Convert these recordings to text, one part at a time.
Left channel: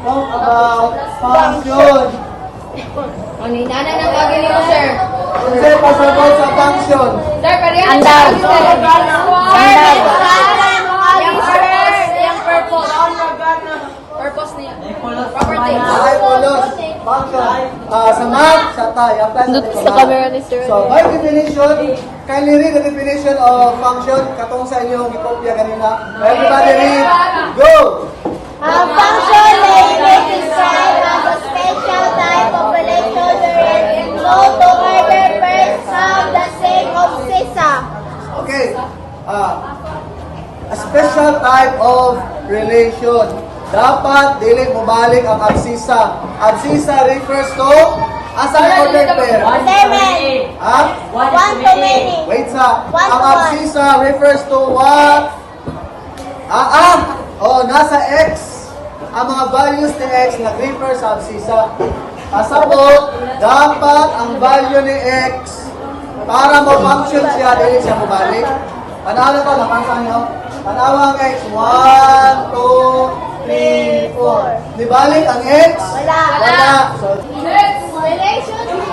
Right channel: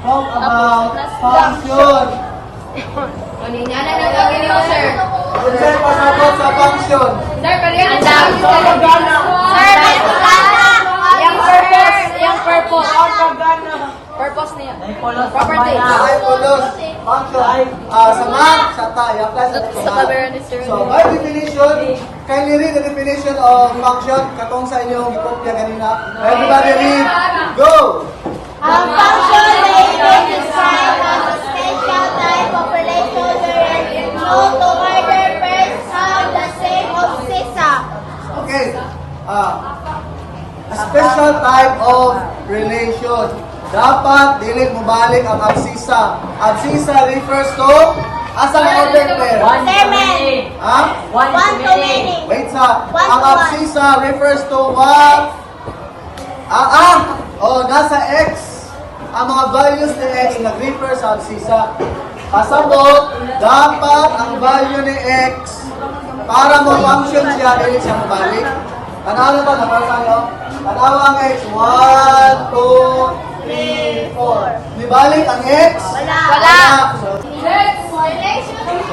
Talk about function. Maninana ng gabi niyo, sir. Sir, pasagot sa function. Sir, kaliyan sa akin, sir. Sir, yung purpose. Purpose niya. Property. Hypolos. Function. Sa math, sa tayo. Apply sa math. So, by definition, kindly read the definition of function. Katong sa inyong ikopya kanina. Everybody read. Go! Ang function ay describe a special type of relation wherein two together pairs have the same system. Okay. A special type of relation. Dapat dili mo balik ang absisa. Absisa refers to asa order pair. 7. Ha? 1 to many. Wait sa. Ang absisa refers to what? Nasa X. Ang mga values ni X nag-refer sa absisa. Pasabot, dapat ang value ni X para mo function siya, dili siya mabalik. Tanawa to, napasa nyo? Tanawa ang X. 1, 2, 3, 4. Nibalik ang X? Wala. So,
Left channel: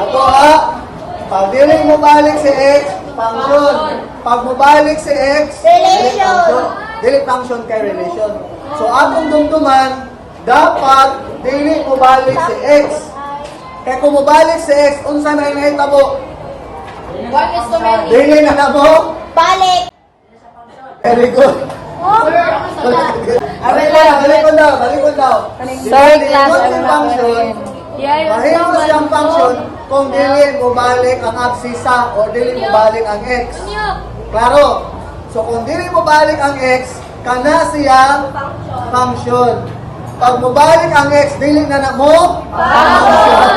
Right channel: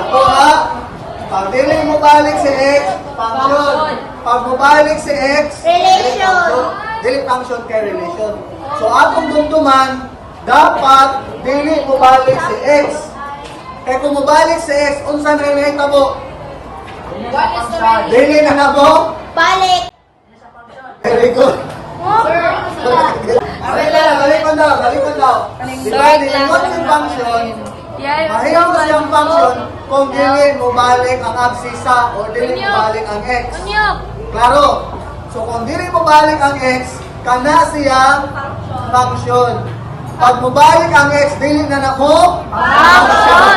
ako ha, pag dili mo balik si X, function. Pag mo balik si X, dili function. Dili function kay relation. So atong dumduman, dapat dili mo balik si X. Kaya kung mo balik si X, unsa na inahitabo? Dili na namo? Balik. Very good. Balik ko daw. Diba, nilingot yung function, mahirap siyang function kung dili mo balik ang absisa o dili mo balik ang X. Klaro. So kung dili mo balik ang X, kana siya function. Pag mo balik ang X, dili na mo function.